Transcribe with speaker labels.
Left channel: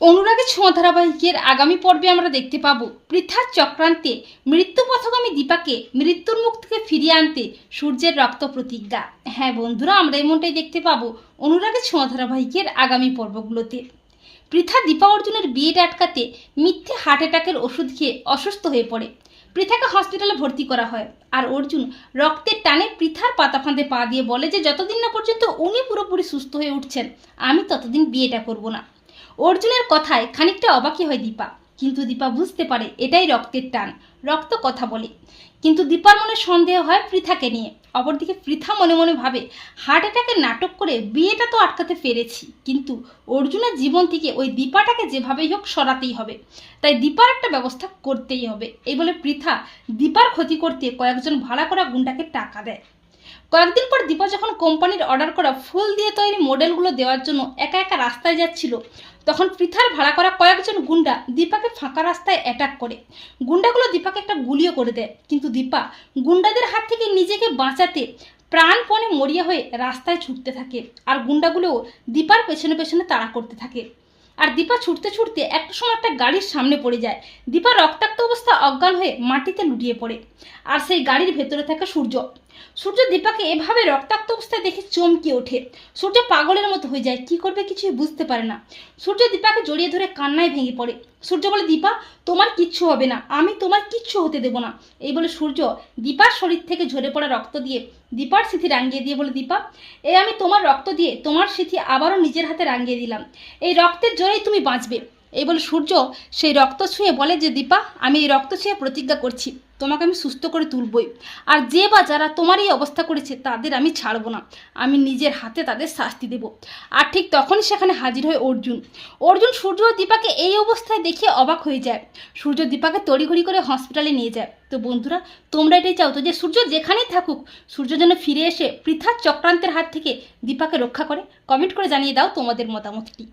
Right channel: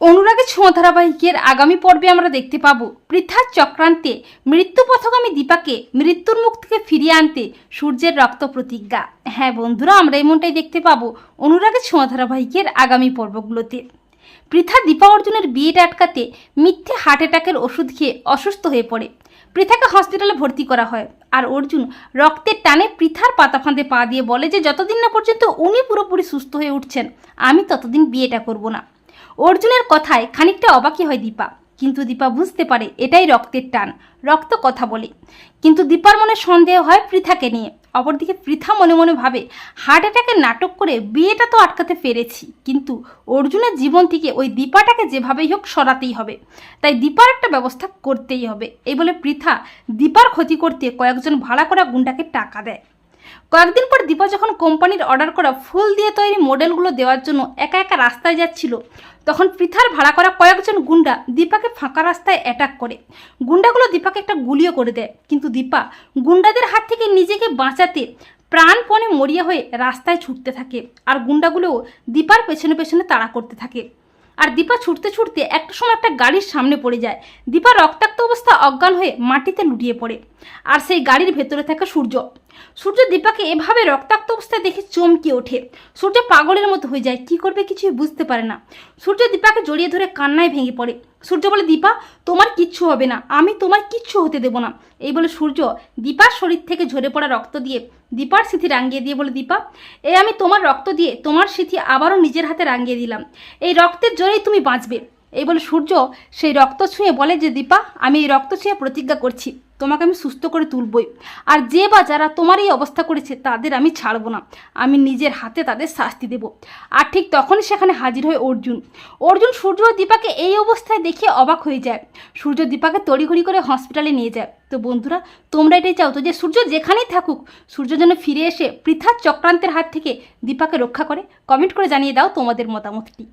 Speaker 1: অনুরাগের ছোঁয়া ধারাবাহিকের আগামী পর্বে আমরা দেখতে পাবো পৃথার চক্রান্তে মৃত্যু পথগামী দীপাকে মৃত্যুর মুখ থেকে ফিরিয়ে আনতে সূর্যের রক্ত প্রতিজ্ঞা। হ্যাঁ বন্ধুরা, আমরা এমনটাই দেখতে পাবো অনুরাগের ছোঁয়া ধারাবাহিকের আগামী পর্বগুলোতে। পৃথা দীপা অর্জুনের বিয়েটা আটকাতে মিথ্যে হার্ট অ্যাটাকের ওষুধ খেয়ে অসুস্থ হয়ে পড়ে। পৃথাকে হসপিটালে ভর্তি করা হয় আর অর্জুন রক্তের টানে পৃথার পাতা ফাঁদে পা দিয়ে বলে যে, যতদিন না পর্যন্ত উনি পুরোপুরি সুস্থ হয়ে উঠছেন, আমি ততদিন বিয়েটা করব না। অর্জুনের কথায় খানিকটা অবাকই হয় দীপা। কিন্তু দীপা বুঝতে পারে এটাই রক্তের টান, রক্ত কথা বলে। কিন্তু দীপার মনে সন্দেহ হয় পৃথাকে নিয়ে। অপরদিকে পৃথা মনে মনে ভাবে হার্ট অ্যাটাকের নাটক করে বিয়েটা তো আটকাতে পেরেছি। কিন্তু অর্জুনের জীবন থেকে ওই দীপাটাকে যেভাবেই হোক সরাতেই হবে। তাই দীপার একটা ব্যবস্থা করতেই হবে। এই বলে পৃথা দীপার ক্ষতি করতে কয়েকজন ভাড়া করা গুন্ডাকে টাকা দেয়। কয়েকদিন পর দীপা যখন কোম্পানির অর্ডার করা ফুল দিয়ে তৈরি মডেলগুলো দেওয়ার জন্য একা একা রাস্তায় যাচ্ছিল, তখন পৃথার ভাড়া করা কয়েকজন গুন্ডা দীপাকে ফাঁকা রাস্তায় অ্যাটাক করে। গুন্ডাগুলো দীপাকে একটা গুলিও করে দেয়। কিন্তু দীপা গুন্ডাদের হাত থেকে নিজেকে বাঁচাতে প্রাণপণে মরিয়া হয়ে রাস্তায় ছুটতে থাকে আর গুন্ডাগুলোও দীপার পেছনে পেছনে তাড়া করতে থাকে। আর দীপা ছুটতে ছুটতে একটা সময় একটা গাড়ির সামনে পড়ে যায়। দীপা রক্তাক্ত অবস্থা অজ্ঞান হয়ে মাটিতে লুটিয়ে পড়ে। আর সেই গাড়ির ভেতরে থাকে সূর্য। সূর্য দীপাকে এভাবে রক্তাক্ত অবস্থায় দেখে চমকে ওঠে। সূর্য পাগলের মতো হয়ে যায়, কি করবে কিছুই বুঝতে পারে না। সূর্য দীপাকে জড়িয়ে ধরে কান্নায় ভেঙে পড়ে। সূর্য বলে, দীপা, তোমার কিচ্ছু হবে না, আমি তোমার কিচ্ছু হতে দেবো না। এই বলে সূর্য দীপার শরীর থেকে ঝরে পড়া রক্ত দিয়ে দীপার স্মৃতি রাঙিয়ে দিয়ে বলে, দীপা এই আমি তোমার রক্ত দিয়ে তোমার স্মৃতি আবারও নিজের হাতে রাঙিয়ে দিলাম। এই রক্তের জোরেই তুমি বাঁচবে। এই বলে সূর্য সেই রক্ত ছুঁয়ে বলে যে, দীপা, আমি এই রক্ত ছুঁয়ে প্রতিজ্ঞা করছি। তোমাকে আমি সুস্থ করে তুলবই। আর যে বা যারা তোমার এই অবস্থা করেছে, তাদের আমি ছাড়ব না। আমি নিজের হাতে তাদের শাস্তি দেব। আর ঠিক তখনই সেখানে হাজির হয় অর্জুন। অর্জুন সূর্য দীপাকে এই অবস্থায় দেখে অবাক হয়ে যায়। সূর্য দীপাকে তড়িঘড়ি করে হসপিটালে নিয়ে যায়। তো বন্ধুরা, তোমরা এটাই চাও তো যে, সূর্য যেখানেই থাকুক, সূর্য যেন ফিরে এসে পৃথার চক্রান্তের হাত থেকে দীপাকে রক্ষা করে? কমেন্ট করে জানিয়ে দাও তোমাদের মতামতটি।